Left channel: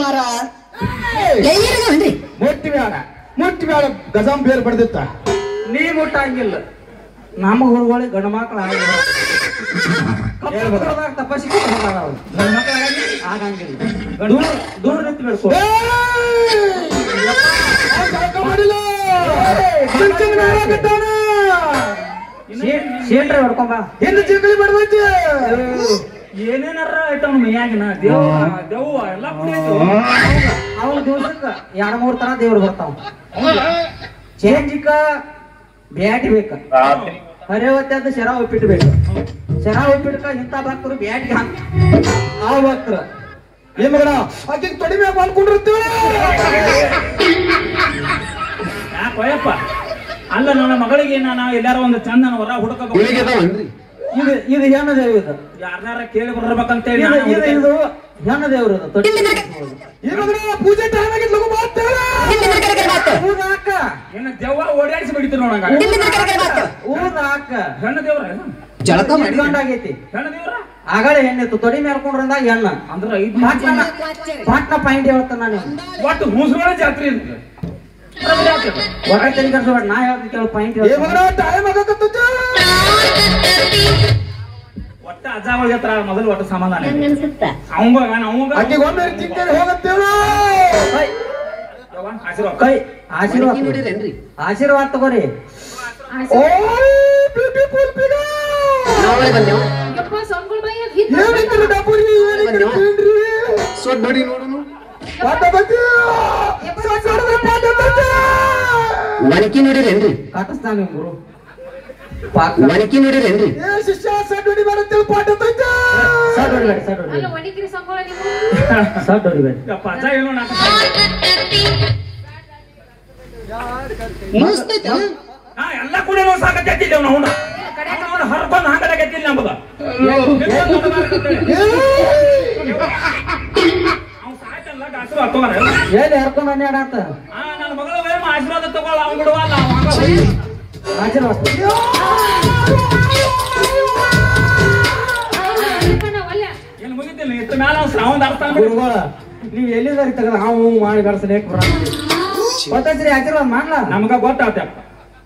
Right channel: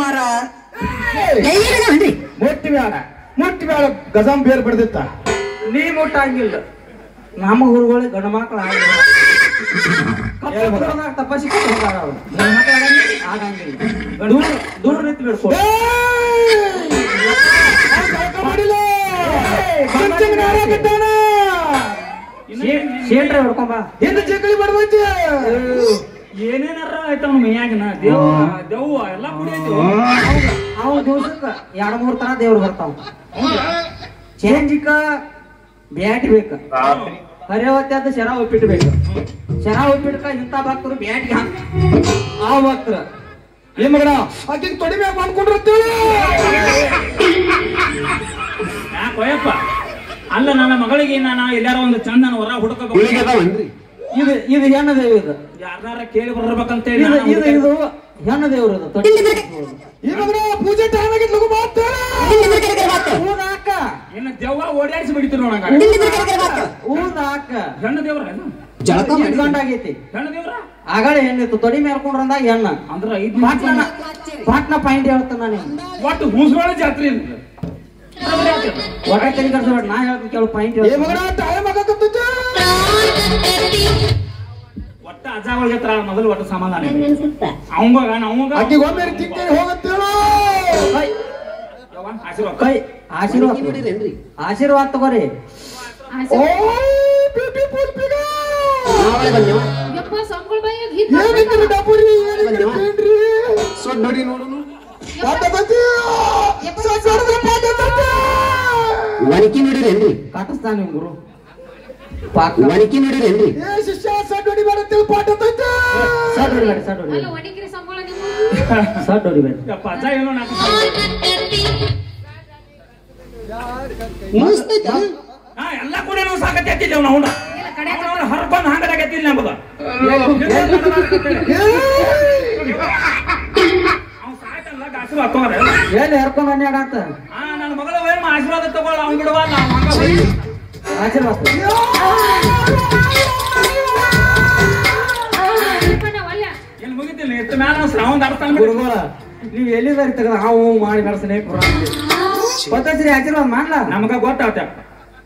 ಮಾರ ಮುಟ್ಟಿ ಬೇಡ ಗಜಾಂ ಬೇರ್ ಬಡ್ದಿತ್ತ ನೀ ಮುಟ್ಟಂಗಿಲ್ಲ ನಮಗ ಹುಡುಗಳಿ ಗಂಡು ಮಕ್ಳು ತಪಸ್ಸಿ ಆಗಂಗಿಲ್ಲ ದೂರ ನಿಂತು ಬಿಡ್ಕೊ ಶೇಂಡ್ರೆ ಹೊಡ್ಕೊಂಬ ಏನು ಜಗಳಿ ಮಾಡ್ಬೈತಿ ಏನೇನಾರ ಆಯ್ತಮ್ಮ ಮೈಯಾಗಿನ ದೇವ್ವ ಎಲ್ಲ ಕುಡಿಯತ್ತು ಅವು ದಿವ್ಸಕ್ಕ 2-3 ತರ ದೇವ್ರು ಬರ್ತಾವ ಚೇಂಜಿಕ ಬ್ಯಾಟಿ ಬೇಕ ಹರಿಯವತ್ತಿ ಅಂತ ಶರ ಉಪ್ಪಿಟ್ಟು ಬೇಕು ಶರ ಉಪ್ಪಿಟ್ಕ ಇಂಥ ಭಕ್ತರು ಬ್ಯಾಟಿಗೆ ಆ ಭಕ್ತರ ಏನ್ ಮಗನ ಆಕೆ ತೊಡಿ ಮ್ಯಾಗ ಮಾಡ್ಕೊಂಡಿರ್ತೇವೆ ಯಾಕೋಯಪ್ಪ ಅಲ್ಲ ನನ್ನ ಮಗಳಿಗೆ ನಾನು ಎಲ್ಲಾರ ಒಂದು ಚಂದನ ಹೊರ ಹುಡುಕಬೇಕು ಇದು ಹೆಣ್ಣು ದೇವಿ ಇದು ಯಾರನ್ನಾರ ಕೇಳಿ ಬರ್ಬೇಕಂತ ಹೇಳಿ ಇದು ಹೆಣ್ಣು ದೇವ್ರು ಪೂಜೆ ಟೈಮ್ ಆಗಿದ್ ಲಗು ಮಾಡ್ತೇವೆ ಇನ್ನು ದೆವ್ವ ಓಡಾಡಿಸಿ ಬಿಡಿತು ನೋಡಂಗ ಊರಾಕ ಹೆಣ್ಣು ದೇವ್ರ ಜಳಕ ಆಗೈತಿ ಹೆಣ್ಣು ದೇವ್ರ ಆಗಳ ಹೆಣ್ಣಿತ್ತು ತೊಡಿ ಮೇಲ್ಕೊಂಡ್ರಂದಾಗ ಹೆಣ್ಣ ಅಂದ್ರ ಪಾಟ್ನ ಪಾಯಿಂಟ್ ಹೇಳ್ತಾನ ನೀವು ಒಟ್ಟು ಹೂಸ್ವಾಳ ಜಾತ್ರೆ ಅಂತ ಒಟ್ಟ ತೆರಿ ಕರ್ಸಬೇಡ ನಾ ಹೇಳ್ತೀನಿ ಕೇಳು ಪಾಯಿಂಟ್ ಟೈಮ್ ಆಗಕತ್ತೈತಿ ಒಟ್ಟ ಅಜ್ಜಾವಳ ಜಾತ್ರೆ ಮೊದಲು ಒಟ್ಟು ಸಮಾಧಾನ ಅವಂಗ ಆಕೆ ಒಮ್ಮೆ ತಿಂಗಳು ಹೋಗತ್ತೇಳು ಕೈ ಆಶೀರ್ವಾದ ಆಶೀರ್ವಾದ ತಗೋರಿ ಓ ಬ್ಯೂಟಿಫುಲ್ ಬಿಗ ಏನಿದ್ರು ಡಬರಿ ಏನಿದ್ರು ಕೇಳ್ರಿ ಸೋ ನೋಡಿ ನೋಡು ಪಾಠದತಿ ಸಾಕಾಡಿದ್ರೆ ಪಾಠದತಿ ಮಣಿಕೆ ನೋಡಿರೇನ್ರಿ ಕಾಟಿಸ್ತಾನೆ ಗುರು ಮಣಿಕೆ ನೋಡಿರೇನ್ರಿ ಏ ಶಿಷ್ಯ ಸಡ್ಡಿ ಬರುತ್ತೆ ಪಾಠದತಿ ಸಡ್ ಹೊಡಿಬೇಡಿ ಸಡ್ ಹೊಡಿಬೇಡಿ ಅಜ್ಜ ಏನೋ ನಾಟ ಎಲ್ಲ ಕೂಡ ನಾವು ಸಾಕತ್ತಿದ್ದೇವೆ ನಾವು ಹರ್ಕೊಂಡು ಹಂಗದಾಗತ್ತಿಲ್ಲ ನಮಗ ಅವ್ನು ಸಾಯ್ತಲ್ಲ ಗಾಸು ಹಾಕೋರ ಏನ್ ಹರ್ಕೊಂಡ್ ಅನ್ಯಾಡ ಅಂತ ನನ್ನ ಮಗಳ ವಯಮ್ಮ ಆಶೀರ್ವಾದ ತಗೊಳ್ಳ ಅವ್ನು ಬಿಡುವ ಆಶೀರ್ವಾದ ಏನು ಮುಗಿತಿಲ್ಲ ಇತ್ತ ಮ್ಯಾಲ ನಾವು ಶ್ರಾವಣ ಅರ್ಥ ಗುರುಗಳ ನೀವ್ ಎಲ್ಲಿದಾರಿ ತೆಗೆದ ಹಾವು ಮಾಡಿ ಬೆಳೆಸಲೇ ಗೊತ್ತಾಯ್ತ್ರಿ ಆಶೀರ್ವಾದ ಮಾಡ್ಲಾ ನಮಗ ಗೊತ್ತಾಗ್ತ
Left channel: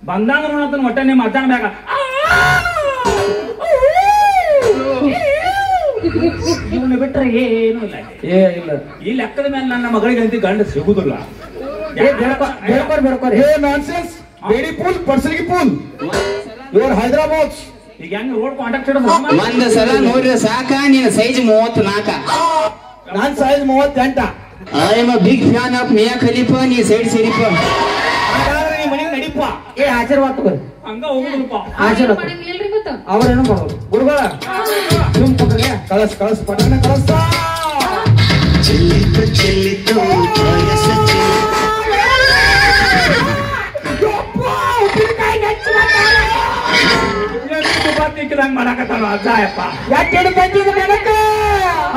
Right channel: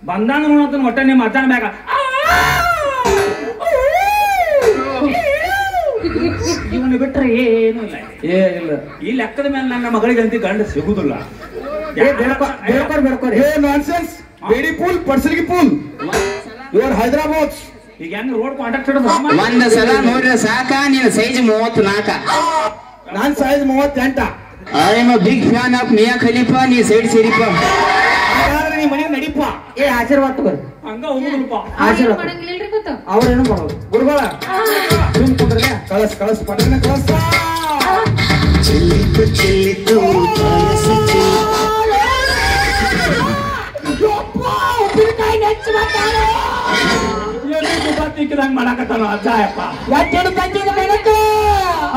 ಬಂದಂಗ ನೋಡತ್ತ ಒಟ್ಟ ನಿಮ್ಮ ಅಜ್ಜನ ಬ್ಯಾಗ ಇವನು ಬಿಟ್ರೆ ಏನು ಇಲ್ಲ ಏನಿಲ್ಲ ಈ ಲೆಕ್ಕದ ಮೇಲೆ ನನ್ನ ಮಗಳಿಗೆ ಅಂತ ಗಂಡ ಸಿಗುದಿಲ್ಲ ಬೇಡ್ಕೋರಿ ಹೇ ನಾನ್ಸೆನ್ಸ್ ಬೇಡಿ ಪೂಲ್ ಪಡ್ಸಲಿಗೆ ಪೂಲ್ ಇವರು ಹೈದರಾಬಾದ್ ಈಗ ಹೆಂಗ್ ರೋಡ್ ಕಾಂಟ್ಯಾಕ್ಟ್ ಹಿಡಿದು ಒಂದ್ ಸಲ ನೋಡ್ರಿ ಸಾಕ ನೀನ್ ಸೈಜ್ 34 ನಾನ್ size 38 I am a big fan of Mia Khalifa ನೀ ಸೈಡ್ ಸೇರಿಪ್ಪ ಹಾಗಾದ್ರೆ ನೀ ಮನೆಗೆ ನಡಿಪ್ಪ ಏ ಆಶೀರ್ವಾದ ತಗೋರಿ ಹಂಗ ಹೋಗುದಲ್ಪ ಆಶೀರ್ವಾದ ಅವ್ರೇನು ಮಾಡೋದು ಗುರುಗಳ ಕಳಸ್ ಪಟ್ಟಣ ಕಳಸ ಚೆಲ್ಲಿತು ತಿಕ್ಕಿದಂಗ ಮಾಡಕತ್ತಾನ ಅಜ್ಜಾಯಪ್ಪ ಯಾಕೆ ತಂದಿದ್ದು ನನಗೆ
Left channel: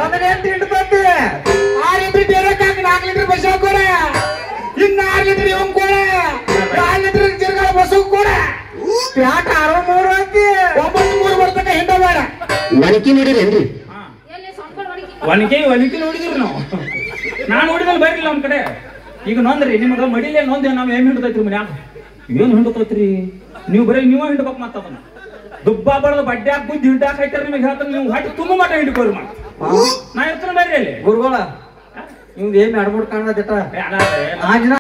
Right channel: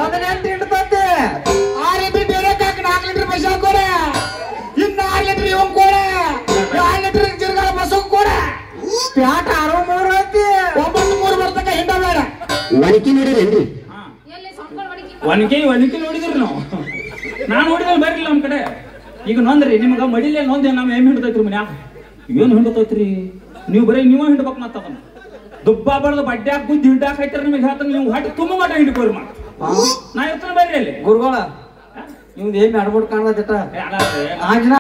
18 ತಂದೆ 6 ಲೀಟರ್ ಡೇರಕ್ ಹಾಕಿ 4 ಲೀಟರ್ ಬಸ್ ಹಾಕೋರೆ ಇನ್ನು 6 ಲೀಟರ್ ಇವನ್ ಕೋಡೆ 4 ಲೀಟರ್ ಜರ್ಗಳ ಬಸ್ ಕೋಡೆ ಪ್ಯಾಟ 63 ಐತಿ 93 ಬರ್ತಕ್ಕ ಹಿಂಡ ಬೇಡ ಮಣಿಕೆ ನೋಡಿರೇನ್ರಿ ಒನಕೆ ನೋಡಿದ್ರಿ ನಾವು ನಾನ್ ನೋಡಿದ್ರೆ ಬರ್ಲಿಲ್ಲ ನಮ್ ಕಡೆ ಈಗ ನೊಂದ್ರಿ ನಿಮ್ಗ ಮಡಿಲೇ ನೊಂದ್ ನಾವ್ ಏನ್ ಹಿಂಡ್ತೈತ್ರಿ ಮನ್ಯಾಗ ಏನ್ ಹಿಂಡ್ತೈತ್ರಿ ನೀವು ಬರೀ ನೀವ ಹಿಂಡ್ಬೇಕು ಮಾತದನ್ನ ದುಬ್ಬಾ ಬಡ್ದು ಬಡ್ಡ್ಯಾಗ ಗುದ್ದಿ ಹಿಂಡಾಕೈತಾರ ನಿಮಗೆ ಹೇಳ್ತಾರ ನೀವು ಹೊಟ್ಟೆ ತುಂಬ ಮಟ್ಟ ಹಿಂಡ್ಕೋರಿ ಮಾ ನಾ ಎತ್ತರ ಬೇರೆ ಅಲ್ಲಿ ಗುರುಗಳ ನಿಮ್ದು ಏನ್ ಅಡ್ಬಿಟ್ಟು ಕಾಣದಿಟ್ಟ ಬೇಡ ಆಂಜನ